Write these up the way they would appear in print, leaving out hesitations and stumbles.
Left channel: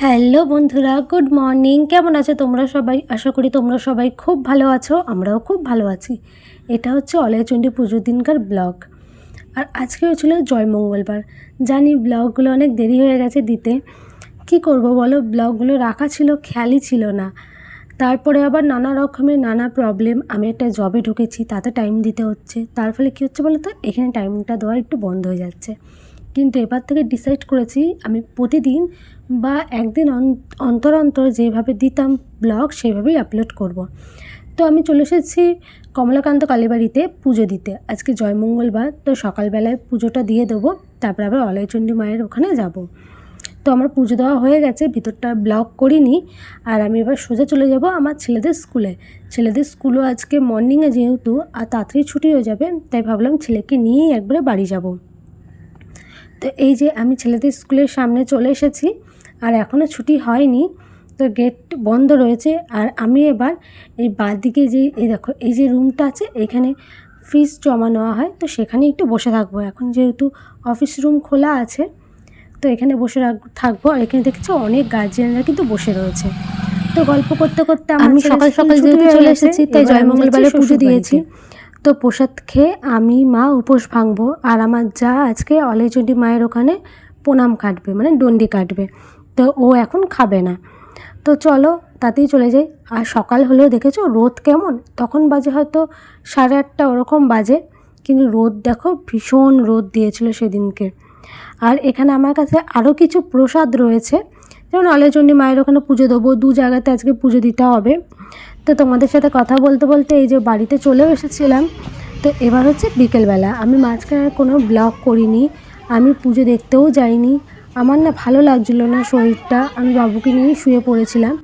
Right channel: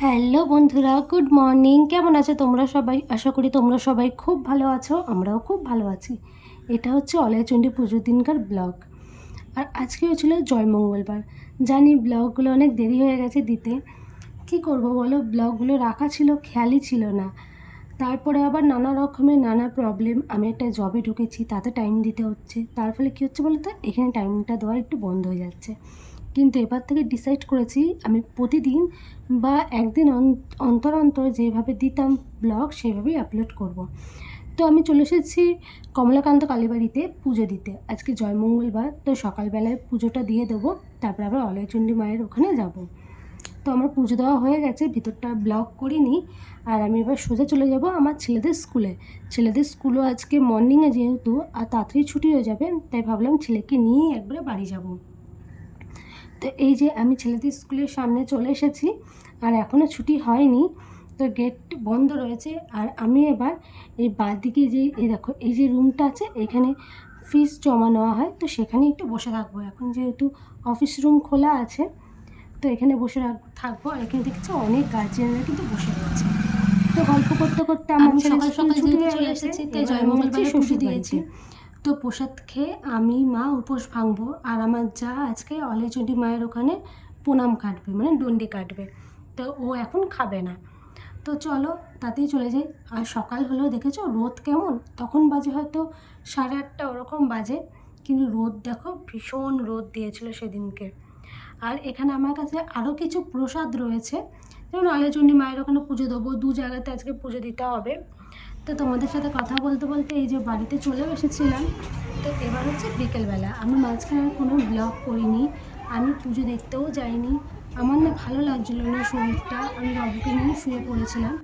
Hello বন্ধুরা, good morning. কেমন আছো তোমরা সবাই? আশা করি তোমরা সবাই খুব ভালো আছো, আমরাও খুব ভালো আছি। এটা হচ্ছে অলয়চণ্ডী পুজোর দিনকার ব্লগ। আর আজকে হচ্ছিল জয়মঙ্গলবার। জানি ব্লগগুলো অনেক দেরি হয়ে গেছে দিতে, কি করব বলো, ব্লগগুলো রাখা ছিল, খেয়ালই ছিল না। তারপরে আবার নানা রকমের নানা প্রবলেম, আমি একটা জবে ঢুকেছি, তাতে টাইম দিতে হচ্ছে। তার ফলে কী হচ্ছে বলো তো, এখানে টাইমটা দেওয়া একটু বন্ধ হয়ে যাচ্ছে। কিন্তু এবার থেকে ডিসাইড করেছি আমি প্রতিদিন বা একদিন অন্তর অন্তর যেভাবে দিতাম ব্লগ সেভাবেই আপলোড করব। তো আমি চলে এসেছি কমলাকান্ত কালীবাড়িতে পুজো দিতে। আজকে জয়মঙ্গলবার, তো সকালবেলায় পুজোটা দিয়ে দেবো, তারপর আবার অলয়চণ্ডী মায়ের ওখানে যাব। তো আমার পুজো দেওয়া হয়ে গেছে, ভিতরটা ব্লগ করিনি। আর আমি এবার সোজা চলে যাব আমার ছেলেদের স্কুলে। ছেলেদের স্কুলও আজকে মর্নিংয়ে যেহেতু আর তাড়াতাড়ি ছুটি হয়ে যাবে, তাই ভাবলাম ছেলেকে নিয়েই একবারে বাড়ি যাব। তো এই যে আমি ছেলেদের স্কুলের সামনে চলে এসেছি, আর এখনও ছুটি হয়নি, তো গেট বন্ধ রয়েছে। আর আমি এবার এই বাঁদিকে যে এই দেখো এই যে রুমটা আছে, এখানে ফিস জমা নেওয়া হয়, তো সেখানে একটু বসে থাকবো। এখন যেহেতু অফিস রুম খোলা আছে, তো এখানে বসে থাকবো। আর এখানে দেখছি অনেক গার্জিয়ানরা কিন্তু বসে রয়েছে। তো গল্প করতে করতে আমি সকাল সকাল যেহেতু চলে এসেছি, তাই জয়মঙ্গলবারে পুজো দিয়েছি। তো প্রসাদ খেয়ে আমি মা উপোস ভাঙবো, আর আমার যা আজকে অলয়চণ্ডী মায়ের ওখানে প্রণাম কাটবে, মানে ডন্ডি কাটবে। তো ও এখন খাবে না। তো চলো তাতেই চলে যাই। আর সকাল হলেও দেখেছো রোদ কেমন, তখন বাজে হয়তো 8:30 ওরকম বাজে, কিন্তু রোদ দেখো ভীষণ রোদ দিয়েছিল সেদিনকে। আর এখানে আমার কাছে আরও কিছু প্রসাদ রয়েছে, যেমন অলয়চণ্ডী মায়ের ওখানে পুজো দেবো, 2 জায়গাতে আজকে পুজো দিতে হবে। তো তোমাদের সাথে কথা বলতে বলতে এই যে বাড়িতে চলেও এসেছিলাম। তো এবার হচ্ছে বিকেলবেলা, আমি মাঝখানে কোনো ব্লগ করিনি, আমি পুজো দেখতেও যাইনি। আমার না ভালো লাগছিলো না শরীরটা, আমি বাবুকে নিয়েই শুয়ে পড়েছিলাম।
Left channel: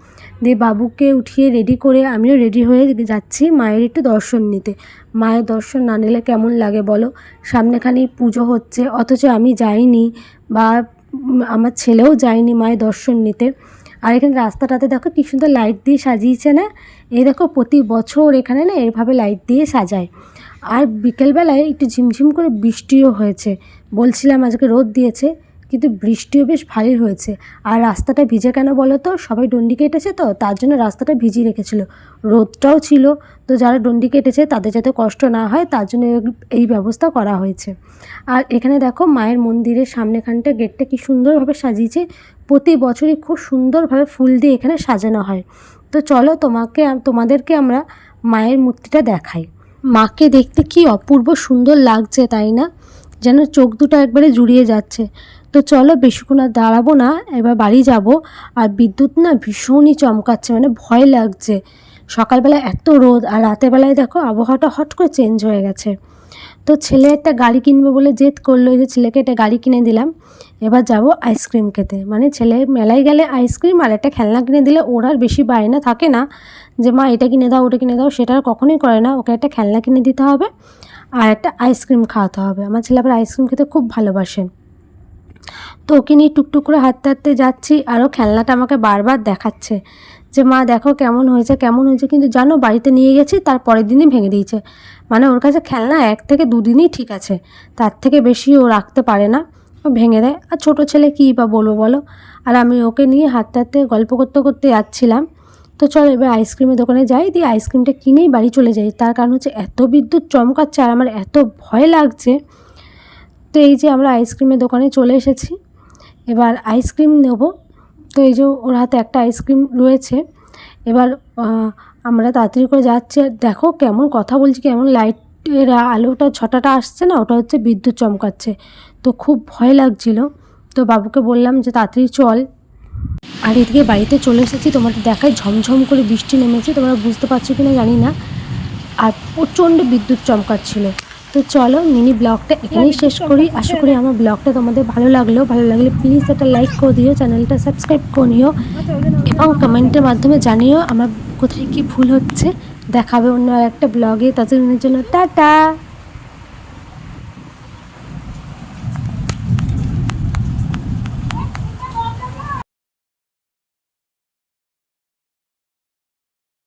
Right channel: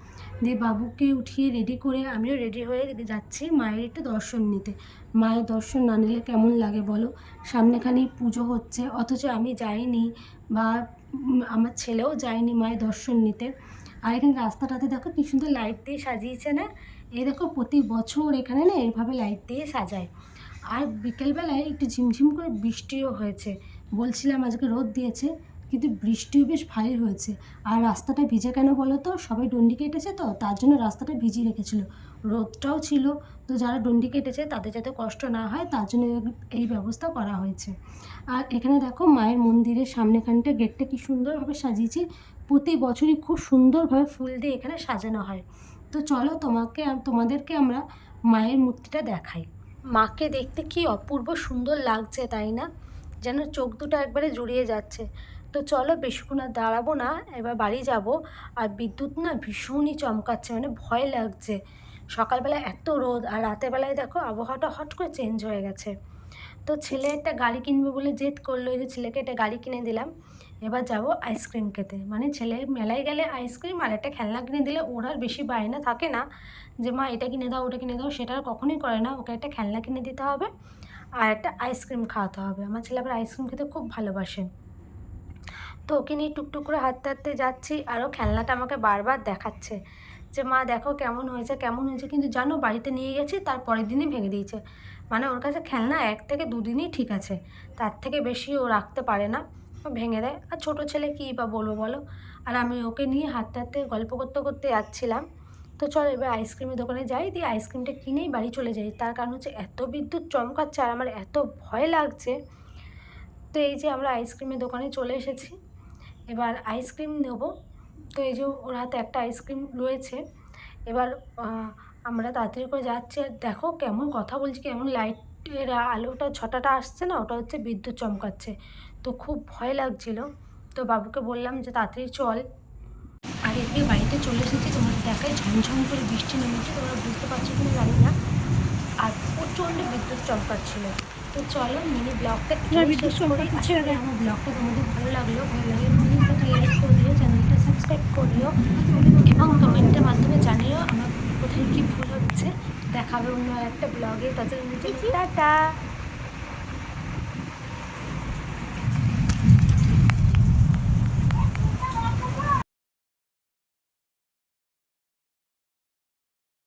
দিয়ে বাবুকে উঠিয়ে রেডি করে আমিও রেডি হয়ে যাচ্ছি মায়ের একটু দর্শন নিতে। মায়ের দর্শন না নিলে কেমন লাগে বলো, সামনেখানেই পুজো হচ্ছে, অথচ আমি যাইনি, বা আমার ছেলেও যায়নি মায়ের দর্শন নিতে। আর এখানে রাস্তাটাতে দেখো কী সুন্দর লাইট দিয়ে সাজিয়েছে না। এই দেখো প্রতি বছর এখানে না এইভাবে লাইট দিয়ে সাজায়। আর বিকেলবেলায় একটু ঝিমঝিম করে বৃষ্টিও হয়েছে। বলছিলাম আজকে রোদ দিয়েছে, কিন্তু বৃষ্টিও বেশ ভালোই হয়েছে। আর রাস্তাটা ভিজে কেন বলো তো, সবাই ডন্ডি কেটেছে, তো তার জন্য রাস্তাটা ভিজিয়ে রেখেছিল। রোদটাও ছিল, তো যারা ডন্ডি কেটেছে তাদের যাতে কষ্ট না হয় তার জন্য এই ব্যবস্থা করা হয়েছে। আর এখানে দেখো মায়ের মন্দিরের সামনেখানটা গেটটা কি সুন্দরভাবে সাজিয়েছে। প্রতি বছরই খুব সুন্দরভাবে ফুল দিয়ে এখানে সাজানো হয়। তো চলো তোমাদেরকে আমরা মায়ের মূর্তিটা দেখাই। মাকে দেখতে কি অপূর্ব সুন্দর লাগছে, তাই না? যেন চোখ দুটো একবারে জুড়িয়ে যাচ্ছে। তো চলো বেশিক্ষণ আর দাঁড়াবো না, এবার বাড়ি যাব। আর বিদ্যুৎ না ভীষণই চমকাচ্ছে, মানে ভয় লাগছে। সকালবেলা এত রোদ, আর রাতের বেলায় দেখো আবহাওয়াটা হট করে চেঞ্জ হয়ে গেছে। তো ছেলে একটা গাড়ি কিনবে বলে জেদ করলো, এই যে ছেলেকে একটা গাড়ি কিনে দিলাম। এবার যাব আইসক্রিম খেতে, মানে ছেলে মেলায় গেলে আইসক্রিম আর একটা খেলনা কিনে দিলে ওর আর বেশি বায়না থাকে না যে মা এটা কিনে দাও ওটা কিনে দাও, সেটা আর কখনোই করে না। ওকে একটা খেলনা কিনে দিতে হবে আর একটা আইসক্রিম খাওয়াতে হবে। আমার ছেলে আবার আইসক্রিম খেতে খুব ভালোবাসে। তো ওকে নিয়ে টুকটুক করে হাঁটতে হাঁটতে যাচ্ছি, আরও খেলনাটা আমাকে বারবার দেখাচ্ছে যে মা দেখো কেমন হয়েছে কেমন হয়েছে। কিন্তু জানো বাড়িতে নিয়ে গেছি, তার পরের দিনই ভেঙে দিয়েছে। মানে ওর কাছে খেলনা 1 থেকে 2 দিনই ঠিক আছে, তার থেকে বেশি ও রাখতে পারে না, ও ভেঙে দেয়। আর ছোটো ছেলে কী বা বলবো বলো। আর আমি ওকে নিয়ে হাঁটতে হাঁটতে গল্প করতে করতে যাচ্ছিলাম। তো চলো এবার আইসক্রিমের দোকানে যাই, দিয়ে আইসক্রিমটা কিনেই বাড়ি চলে যাই। তার কারণ হচ্ছে এত বিদ্যুৎ চমকাচ্ছে আর আমার এত ভয় লাগছে। তো এই যে আমরা আইসক্রিমের দোকানে চলে এসেছি, এবার আইসক্রিম নেব। তো এই যে ওর হাতে একটা আইসক্রিম রয়েছে। এবার আমরা তাড়াতাড়ি করে যাচ্ছি, আর দেখো কেমন কথা বলছি, কেমন লাইটের আলোটা ছটাটা আসছে না, ওটা হচ্ছে বিদ্যুৎ চমকাচ্ছে। তো খুব ভয় লাগছিল। তো বাবুকে বললাম যে তাড়াতাড়ি চল। আর এদিকে বাড়িতে চলে এসেছি, তোমাদের দেখায় ঝমঝম করে বৃষ্টি নেমেছে, তোমরা বুঝতে পারছো কিনা জানি না। আর প্রচণ্ড বিদ্যুৎ চমকাচ্ছিল। তো চলো মিনি ব্লগটা এখানেই শেষ করি। আশা করি আমার ব্লগটা তোমাদের ভালো লাগলে প্লিজ একটা লাইক করে দিও, চ্যানেলটা সাবস্ক্রাইব করে নিও, এবং কমেন্টের মাধ্যমে জানিও আমার কোথায় কি ভুল হচ্ছে। দেখাবে অন্য একটা ব্লগে, ততদিনের জন্য টাটা।